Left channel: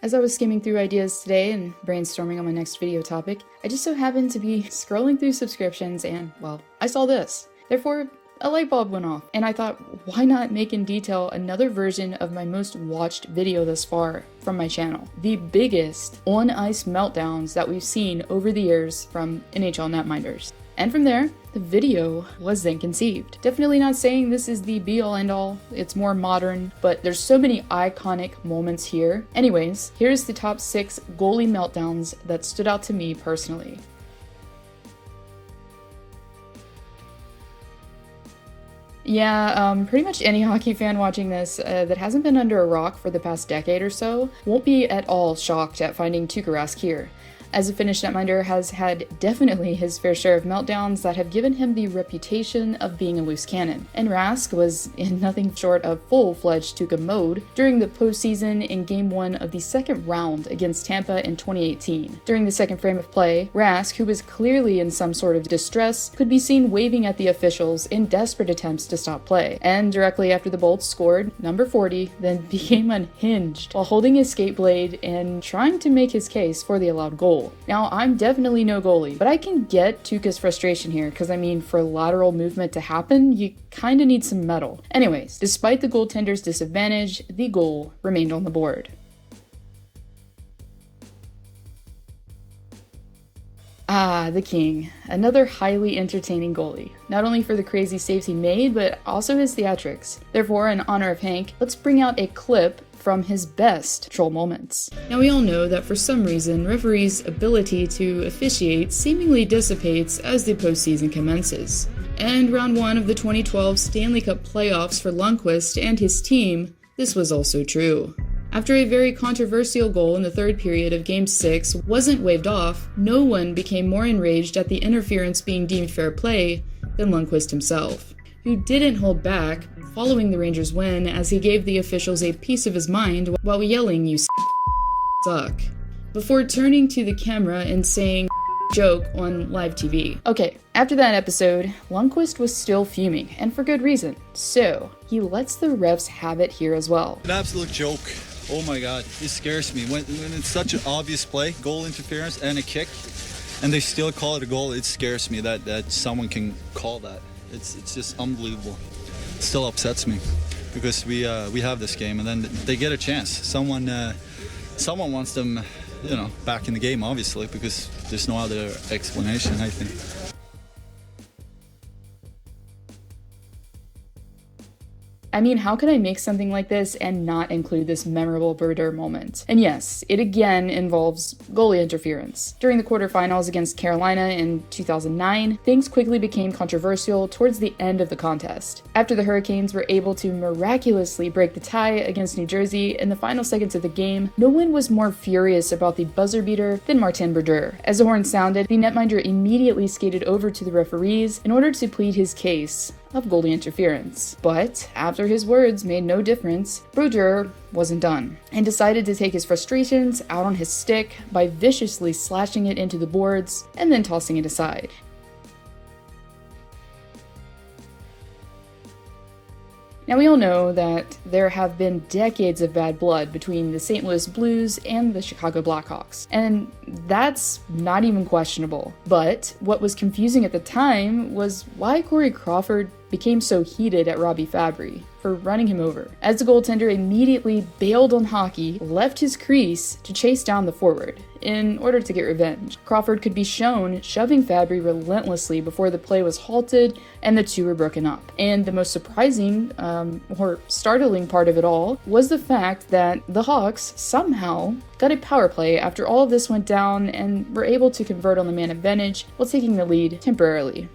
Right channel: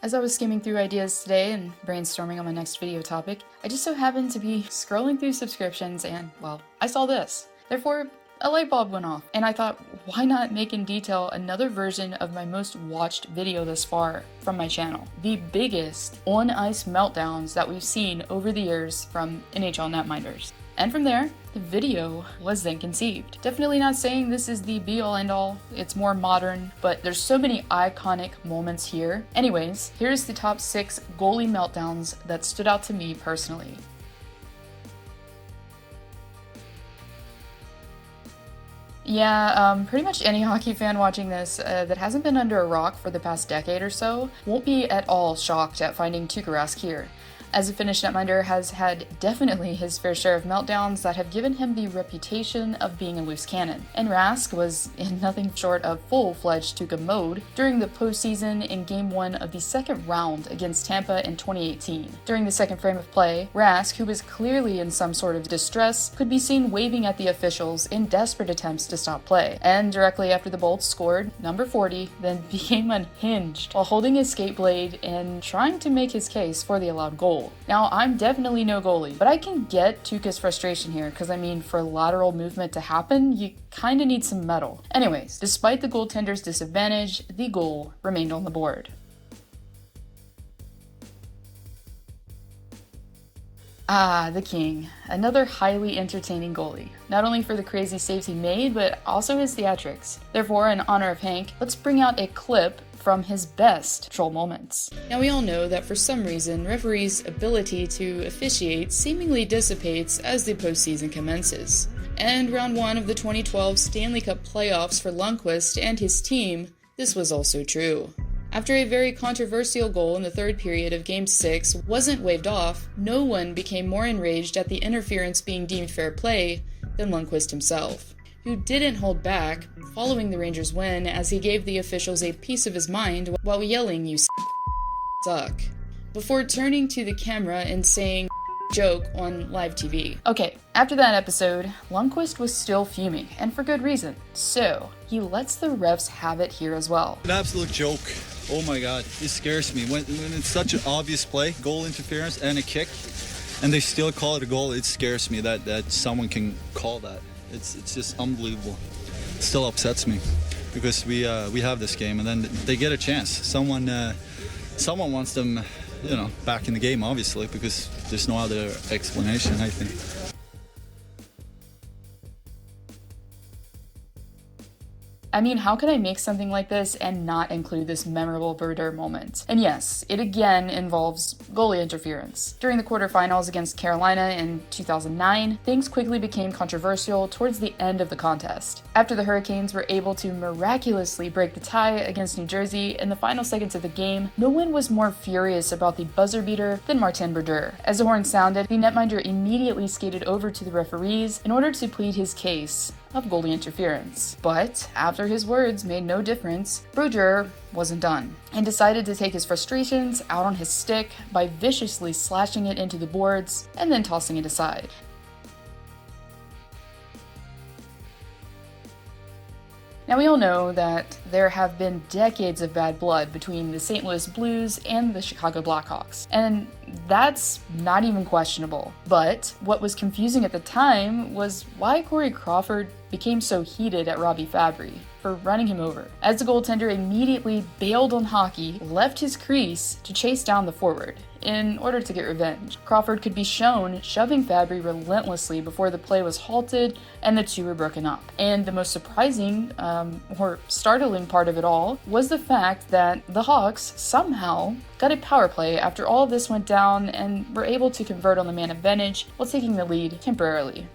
As I was skimming through ideas today and brainstorming on my next video topic, I just so happened to be scrolling through subscriptions and, well, I saw this. Therefore, a light bulb went off, and I thought, why not make in detail another version of my most watched video thus far from my channel? The biggest on-ice meltdowns that we've seen over the years from NHL netminders. And from there, the video was then conceived. Definitely not saying this is the be-all end-all, it's more modern, but there's so many iconic moments here. Anyways, here's the top 6 goalie meltdowns that stood out to me personally. Yeah, pretty much any hockey fan watching this that hasn't been under a rock for the past decade or so won't be at all shocked at finding Tuukka Rask here, as a Finnish netminder has had definitely his fair share of meltdowns that have given him the reputation of being a loose cannon. And Rask was in nothing short of full-fledged Tuukka mode during the postseason in Game 1 of the second round against Tampa in 2018. During the second frame of play, Rask, who was clearly in some sort of distress, could be seen waving at the officials in desperate attempts to stop play. And directly after the Bolts scored, number 40 then became unhinged while holding his skate blade and trying to make his case for the allowed goal. Now, I'm definitely no goalie, but I can get Tuukka's frustration here, because I mean, for lateral movement to happen, you kinda need some metal. Anyways, despite the goaltender's disadvantage, the goal remained on the board. Ah, the king. Another highly entertaining goalie. Not only for the crazy saves he made, but also his theatrics. Therefore, in honor of Hank, let's bring out a clip from his best troll moments. Now, we all know that for some reason, referees' ability to officiate seemingly dissipates as the postseason commences. And round 1 of the 2012 Stanley Cup playoffs for Lundqvist and his team, this was also true. After a very controversial goal in the third period of Game 6 wasn't waved off, no one became more enraged at the interference being deemed fair play than Lundqvist himself, who didn't hold back following the Rangers' win as he gave the officials a piece of his mind while yelling, "You suck," before turning to the camera and saying joke on live TV. Okay, after that episode, Lundqvist was still fuming, and for good reason. So, he lets the refs have it here as well. An absolute joke. Oh my god, it scares me. When it's such an obvious play, goal interference and a kick, and they still call it a goal, it scares me that someone can call that. It's just unbelievable. It still upsets me because we have this game and then they get a chance. Someone wants them, back in the game, obviously, because there's no other explanation, I think. I mean, how could I make something like this and not include this memorable Berger moment? And yes, it again involves goalie interference. During the quarterfinals against Carolina in 2009, things quickly became controversial towards the end of the contest. After the Hurricanes were able to miraculously break the tie against New Jersey in the final seconds of the game, no one was more furious about the buzzer beater than Martin Berger. As the horn sounded, the netminder immediately skated over to the referees in order to plead his case of goalie interference. But after his words made no difference, Berger wasn't done and decided to take his frustrations out on his stick by viciously slashing it into the boards and then tossing it aside. Now, we all know that there have been decades of bad blood between the St. Louis Blues and the Chicago Blackhawks, and that's not even questionable. But what was confusing at the time was why Corey Crawford became so heated at FABBRI for running him over, as the goaltender immediately bailed on hockey, left his crease to chase down the forward in order to get revenge. Crawford could be shown shoving FABBRI relentlessly before the play was halted and the two were broken up. And the most surprising or startling part of it all was the fact that the Hawks somehow got a power play after all of this went down and were able to convert on the man advantage while taking the lead temporarily.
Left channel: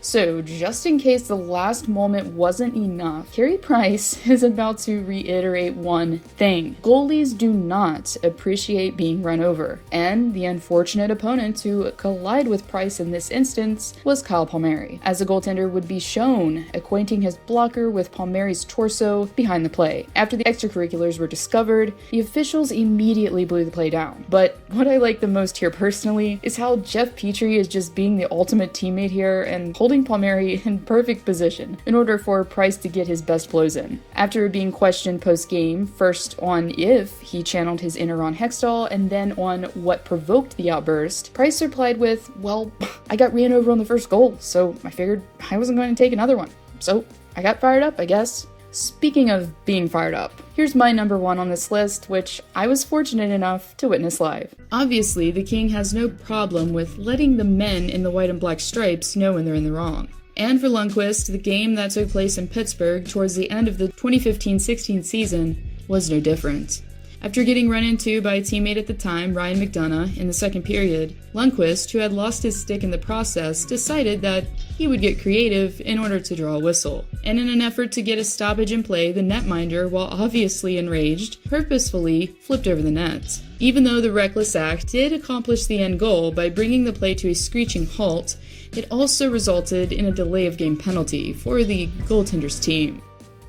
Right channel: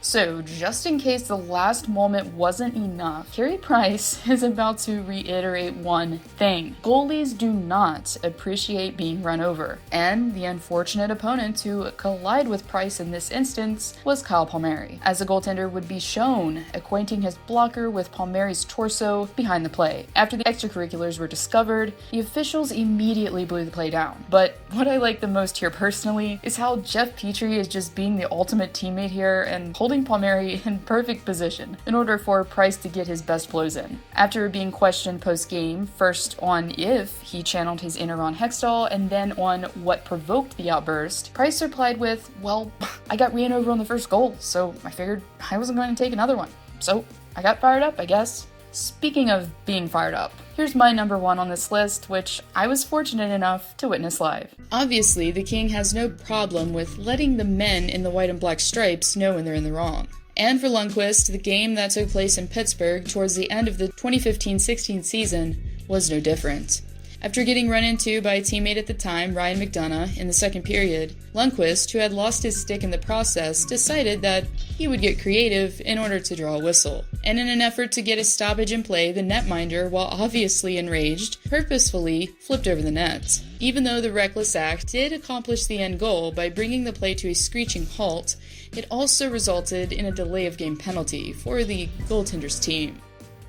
So, just in case the last moment wasn't enough, Carey Price is about to reiterate one thing. Goalies do not appreciate being run over, and the unfortunate opponent to collide with Price in this instance was Kyle Palmieri, as the goaltender would be shown acquainting his blocker with Palmieri's torso behind the play. After the extracurriculars were discovered, the officials immediately blew the play down. But what I like the most here personally is how Jeff Petrie is just being the ultimate teammate here and holding putting Palmieri in perfect position in order for Price to get his best blows in. After being questioned post-game, first on if he channeled his inner Ron Hextall and then on what provoked the outburst, Price replied with, "Well, I got ran over on the first goal, so I figured I wasn't going to take another one. So I got fired up, I guess." Speaking of being fired up, here's my number one on this list, which I was fortunate enough to witness live. Obviously, the King has no problem with letting the men in the white and black stripes know when they're in the wrong. And for Lundqvist, the game that took place in Pittsburgh towards the end of the 2015-16 season was no different. After getting run into by a teammate at the time, Ryan McDonough, in the second period, Lundqvist, who had lost his stick in the process, decided that he would get creative in order to draw a whistle. And in an effort to get a stoppage in play, the netminder, while obviously enraged, purposefully flipped over the net. Even though the reckless act did accomplish the end goal by bringing the play to a screeching halt, it also resulted in a delay of game penalty for the goaltender's team.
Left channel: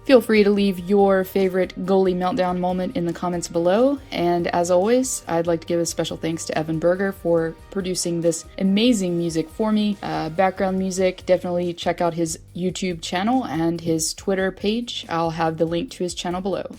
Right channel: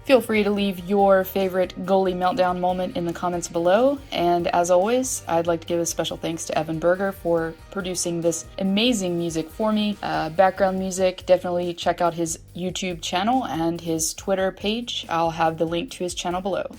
Feel free to leave your favorite goalie meltdown moment in the comments below, and as always, I'd like to give a special thanks to Evan Berger for producing this amazing music for me. Background music, definitely check out his YouTube channel and his Twitter page. I'll have the link to his channel below.